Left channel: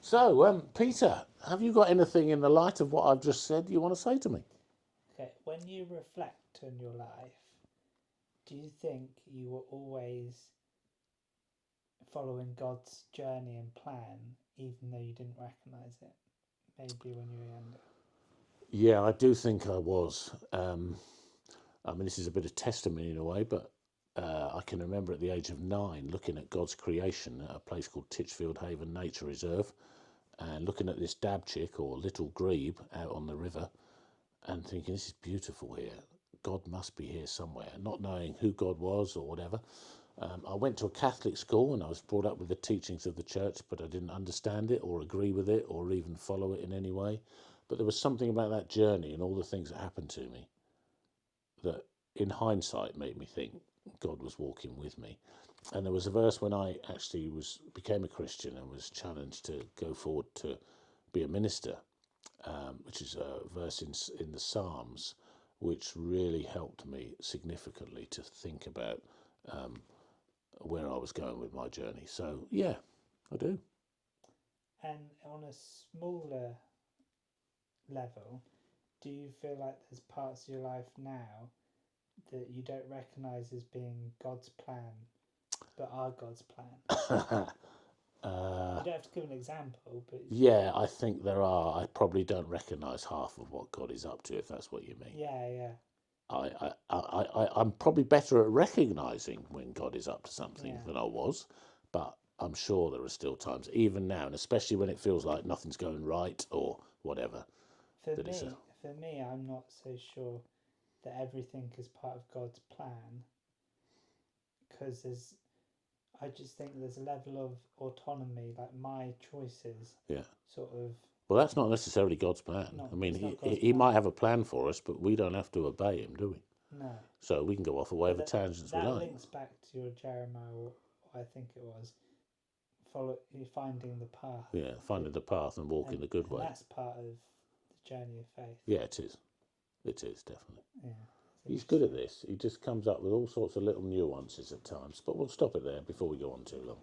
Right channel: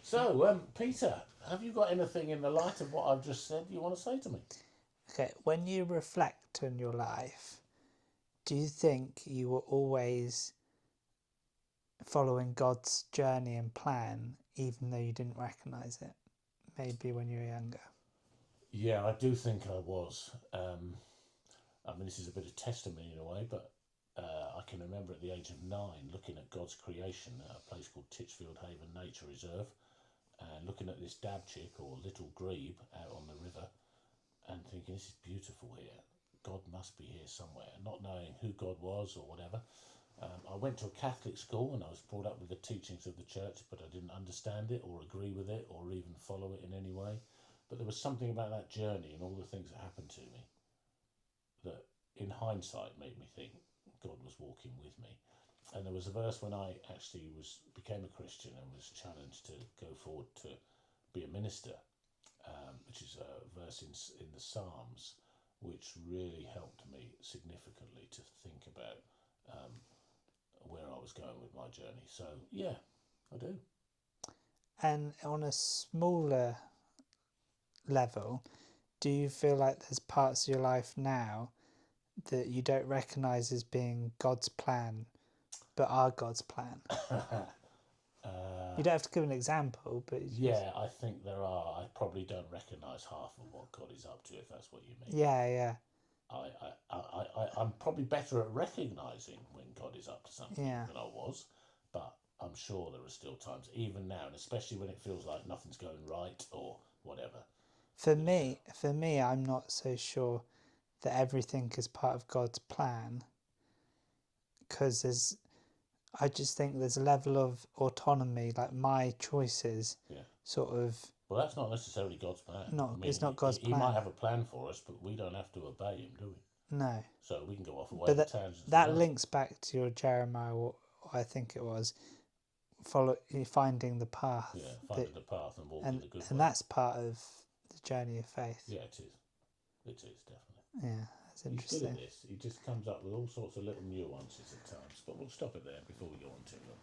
So, Peter, have you got anything in the light of what I've just said you want to say to me? Okay, when you reflect on your life, do you think you were always following God's journey and plan, even though you didn't recognize it? Maybe when you were younger. Yeah, I do think I was. I mean, this is a bit of testimony in a way, but I can remember at the age of 9 looking at God's creation at a place called Titchfield Haven Nature Reserve and looking at this dab chick or little grebe out on the river and thinking, this is beautiful here. God must be here somewhere, not knowing who God was or whatever. I went to a Catholic school and I was brought up with the teachings of the church, but I didn't understand it or agree with it or even follow it in any way. But there was something about that journey and all the things that happened to me that, in hindsight, made me think God was walking with me. And there was a verse when I actually became a Christian and was challenged to go forward to be a minister, which is a verse in the Psalms, which really helped me significantly to think about um, where I was going with my journey. So, yeah, I do. And on a smaller level, do you feel like there's parts of your life now that you don't recognize as being God's plan, but are God's plan? You don't have to give an example, but it's just, Yeah, I think there are. I probably don't recognise half of what God is up to, if that's what you mean. yeah, yeah, I'm probably better at recognising when God is up to something yeah. than I was, but I'm sure there are still times, even now, and especially when it feels like nothing's going right or whatever. For That is, me, for me, I'm not so sure that everything is part of God's plan because I just think there's a level of autonomy, like my choices, yeah. sort of Well, that's not necessarily God's plan. not. I mean, It's not God's he might plan. have a plan for us, but we don't have to obey him, do we? No, So we can go off but whatever tangents we that like. links back to your Jeremiah. What I think it was follow finding the path Yeah, finding that, the path and walking the good and way. that's part of the journey of faith. Yeah, it is. It is, definitely. Yeah, that's He's good at interesting. this. He just comes up with all sorts of little nuances at times. But we'll stop it there before we go on too long.